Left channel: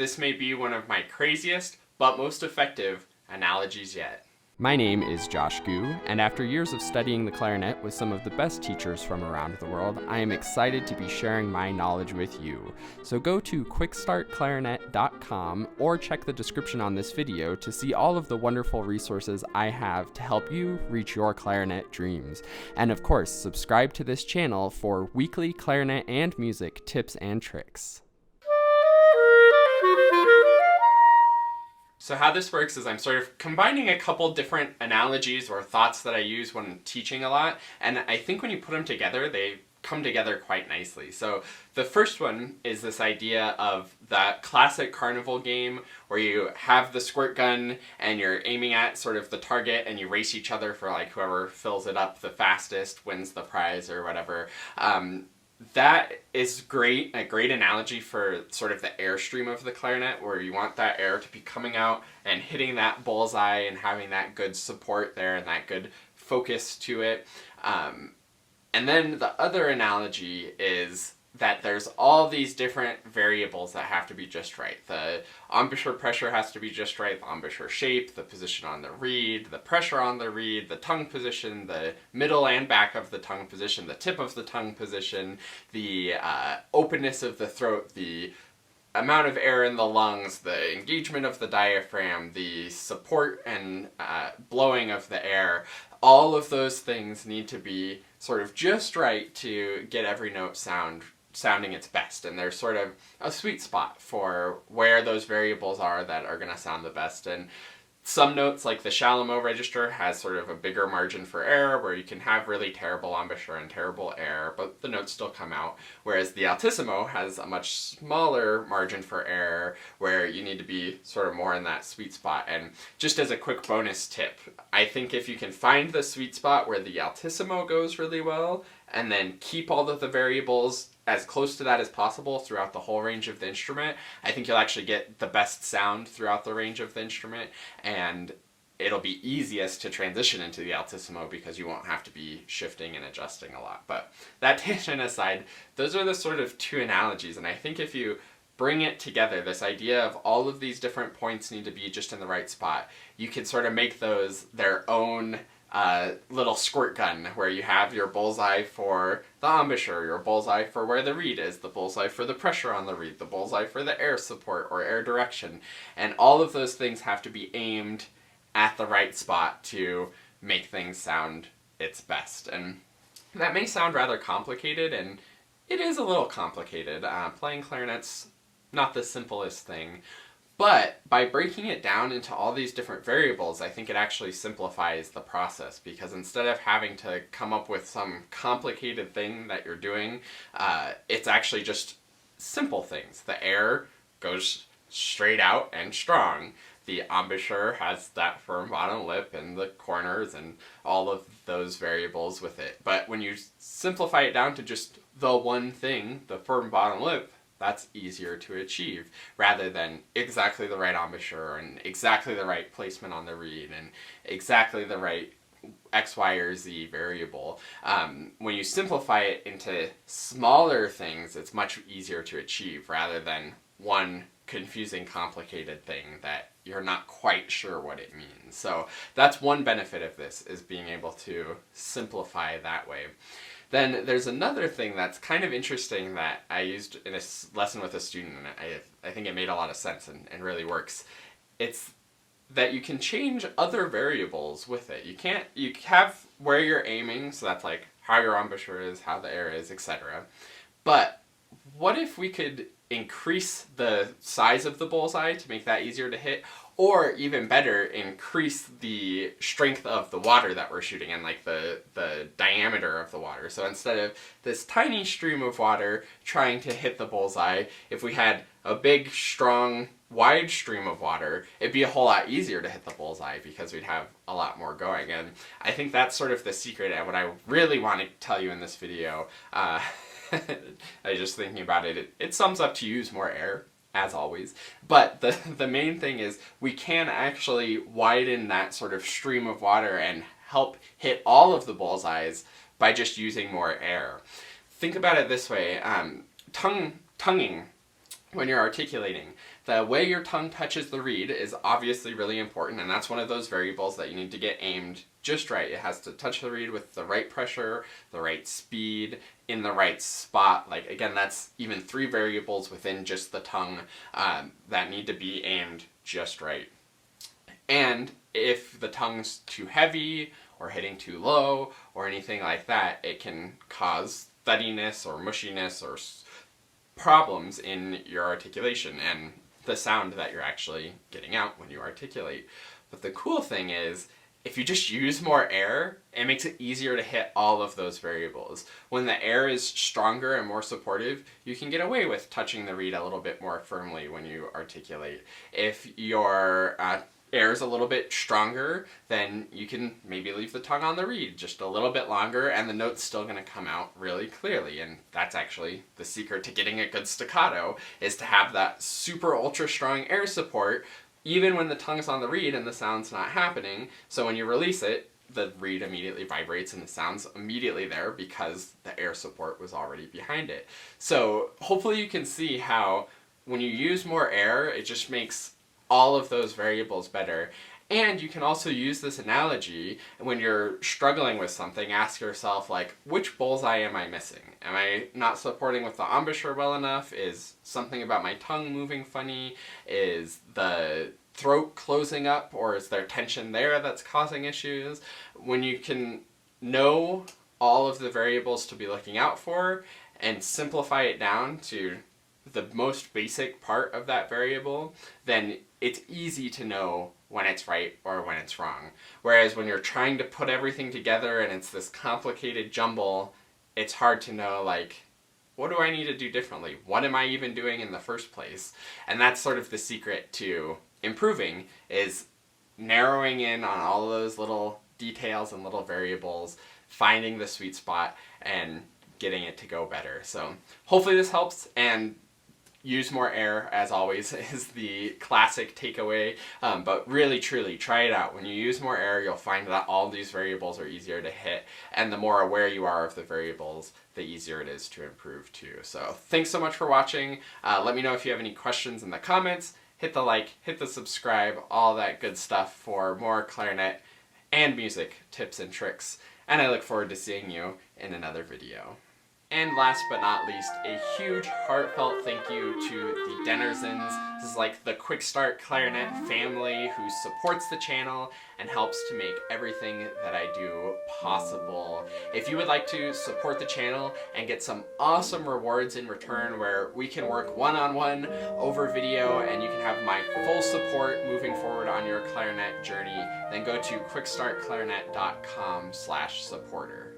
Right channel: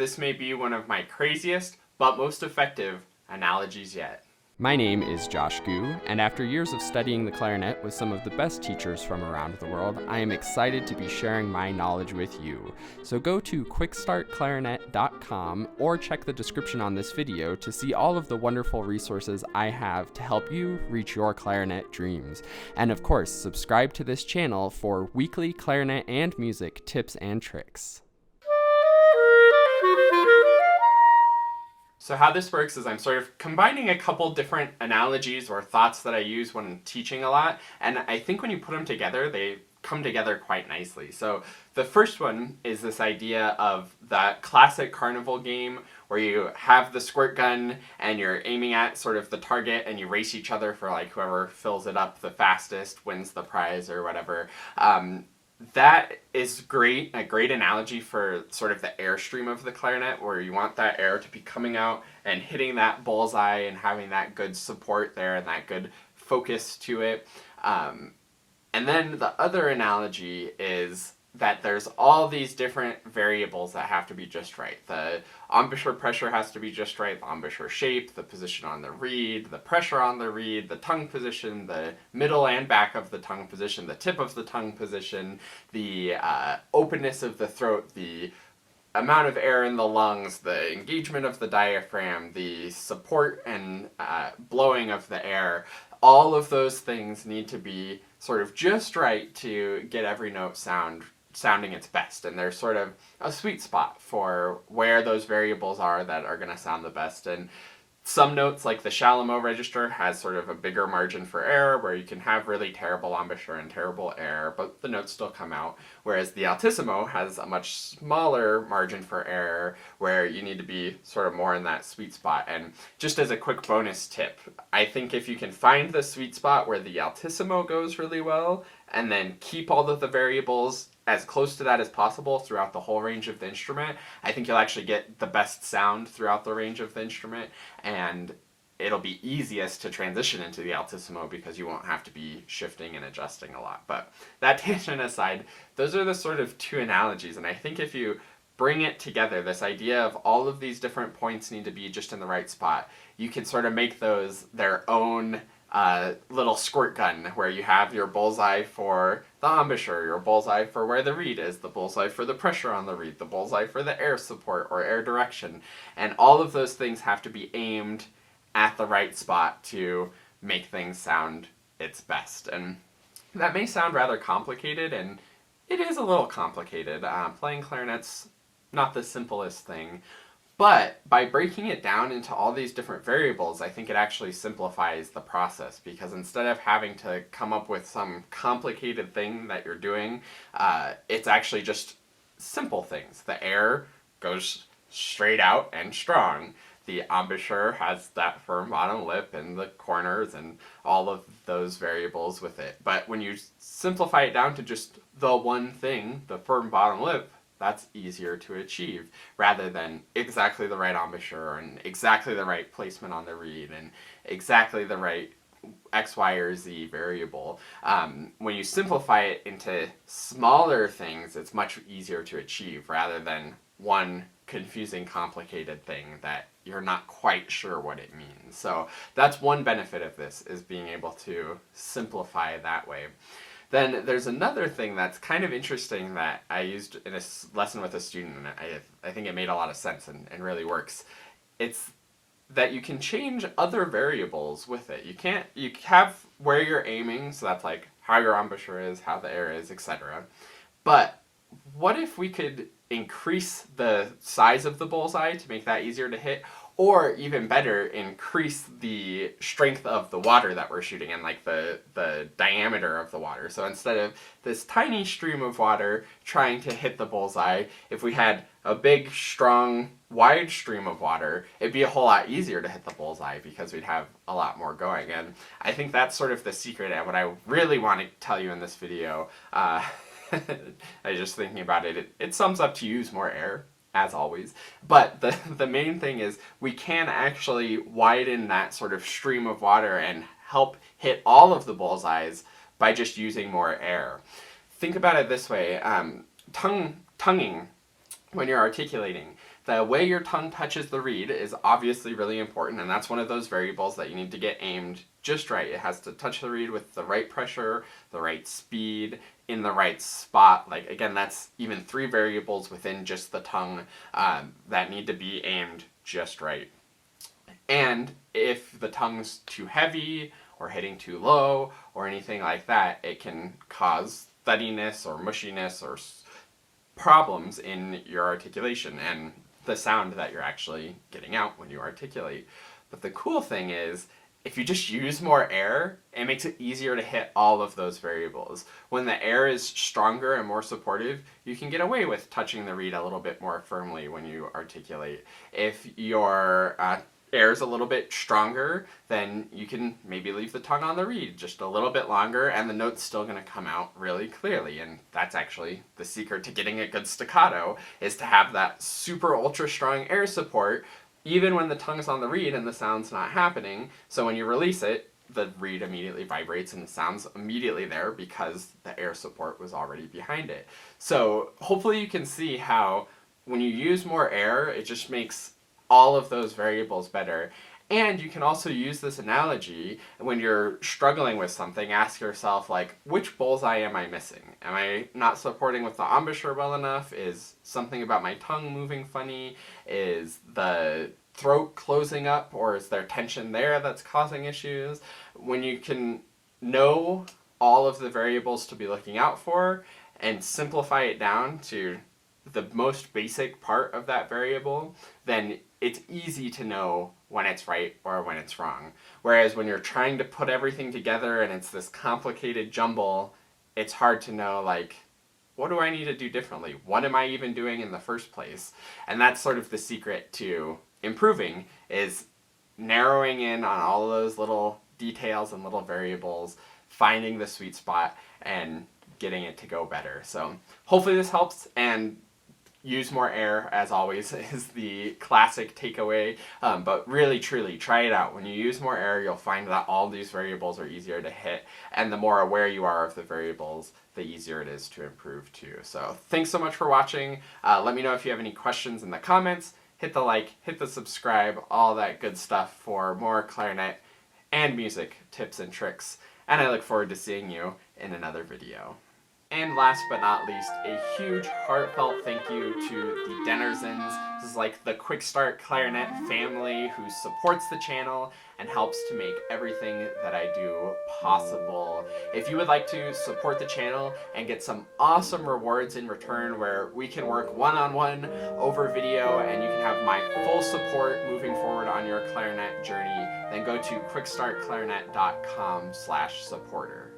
this may be one of my craziest, but most effective analogies yet. My name is Josh Gu, and after years of studying the clarinet with some of the best teachers from around the world, I am excited to be sharing my knowledge with you. So go to QuickStartClarinet.com or check the description on this video to see all of the wonderful resources I have to help you reach your clarinet dreams. And of course, subscribe to this channel for weekly clarinet and music tips and tricks. So how this works is I'm sort of combining a couple different analogies or thoughts that I use when teaching a lot, and I think when you put them together, they come together quite nicely. So the first one is this idea of that classic carnival game where you have the squirt gun and you're aiming at sort of the target and you race each other for like whoever fills it up the fastest wins the prize or whatever. That is great, a great analogy for sort of the airstream of the clarinet, where you want that air to be coming out and hitting that bullseye and having that good support there and that good focus to it. And then the other analogy is that there's all these different variables that have to be just right. The embouchure pressure has to be just right, the embouchure shape, the position on the reed, the pressure on the reed, the tongue position, the middle and back of the tongue position, the tip of the tongue position, the openness of the throat, the amount of air in the lungs, the engagement of the diaphragm, the support and blowing of the air. All of those things need to be sort of just right to get every note sounding its best, and there's sort of a sweet spot for where those variables are that are going to sound the best. And some notes, like the Chalumeau register, has sort of a bigger margin for error, where you can have really terrible embouchure and terrible air, but the notes still come out, whereas the Altissimo has a much smaller margin for error, where you need to be sort of more in that sweet spot. And just as a quick bonus tip, I think if you can find the sweet spot where the Altissimo goes really well, and then keep all of the variables as close to that as possible throughout the whole range of the instrument, I think you'll actually get the best sound throughout the range of the instrument, and it'll be easiest to transition into the Altissimo because you won't have to be shifting and adjusting a lot. But that tangent aside, those are the sort of two analogies, and I think if you bring it together, this idea of all of these different points need to be just in the right spot, you can sort of make those their own little squirt gun, where you have your bullseye for the embouchure, your bullseye for where the reed is, the bullseye for the pressure on the reed, the bullseye for the air support or air direction. And all of those things have to be aimed at the right spot to make things sound its best. And that may sound rather complicated, and it is a little complicated. Playing clarinet's not the simplest thing. But by breaking it down into all these different variables, I think it actually simplifies the process, because instead of having to come up with some complicated thing that you're doing, it's actually just simple things. The air goes straight out and strong. The embouchure has that firm bottom lip and the corners and all of those variables with it. But when you simplify it down to just the one thing, the firm bottom lip, that's easier to achieve, rather than exactly the right embouchure and exactly the right placement on the reed and exactly the right X, Y, or Z variable. When you simplify it into smaller things, it's much easier to achieve, rather than one confusing, complicated thing that you're not quite sure what it means. So that's one benefit of this, is being able to simplify that way. Then there's another thing that's kind of interesting that I used in a lesson with a student, and I think it made a lot of sense and really works. It's that you can change other variables with it. You have where you're aiming, so that's like how your embouchure is, how the air is, etc. But what if we could increase the size of the bullseye to make that easier to hit? Or even better, increase the strength of the water that we're shooting in, like the diameter of the water. So instead of this tiny stream of water trying to hit the bullseye, if we had a big, strong, wide stream of water, it'd be a whole lot easier to hit the bullseye because we'd have a lot more going. And I think that's sort of the secret, and what I really want to tell you in this video, I was just thinking about it, it sums up to use more air, as always. But the main thing is we can actually widen that sort of stream of water and help hit all of the bullseyes by just using more air. Think about it this way, tonguing, when you're articulating, the way your tongue touches the reed is obviously really important, and that's one of those variables that you need to get aimed just right. It has to touch the reed with the right pressure, the right speed, in the right spot. Like, again, that's even 3 variables within just the tongue that need to be aimed just right. And if the tongue's too heavy or hitting too low or anything like that, it can cause thuddiness or mushiness or problems in your articulation and the sound that you're actually getting out when you articulate. But the cool thing is, if you just use more air, it makes it easier to hit all of those variables. When the air is stronger and more supportive, you can get away with touching the reed a little bit more firmly when you articulate. If your air is a little bit stronger, then you can maybe leave the tongue on the reed just a little bit longer, and the note's still going to come out really clearly. And that's actually the secret to getting a good staccato, is to have that super ultra strong air support even when the tongue's on the reed and the sound's not happening. So when you release it, the reed immediately vibrates and the sound's immediately there because the air support was already behind it. So hopefully you can see how when you use more air, it just makes all of those variables better. And you can also use this analogy when you're struggling with something. Ask yourself, like, which bullseye am I missing? Am I not supporting with the embouchure well enough? Is something about my tongue moving funny? Is the throat closing up, or is there tension there that's causing issues? When you can know all of the variables to be looking out for and simplify it down to the most basic part of that variable, then it's easy to know when it's right or when it's wrong. Whereas when you're trying to put everything together and it's this complicated jumble, it's hard to know, like, what do I need to do differently? What am I even doing in the first place? And that's sort of the secret to improving, is narrowing in on all of those little details and little variables, finding the sweet spot, and getting it to go better. So hopefully this helps, and use more air, as always, is the classic takeaway. But really, truly, try it out. When you use more air, you'll find that all these variables are easier to hit, and the more aware you are of the variables, the easier it is to improve too. So thanks so much for watching. Let me know if you have any questions in the comments. Hit the like, hit the subscribe, all that good stuff for more clarinet and music tips and tricks. And I look forward to seeing you in another video. And last but not least, a huge heartfelt thank you to the Dennersons. This is like the QuickStart Clarinet family who supports the channel and helps to make everything that I do possible. If you would like to support the channel and get some awesome rewards in return, where we can work one-on-one over video and you can have my full support moving forward on your clarinet journey, then go to quickstartclarinet.com/supporter.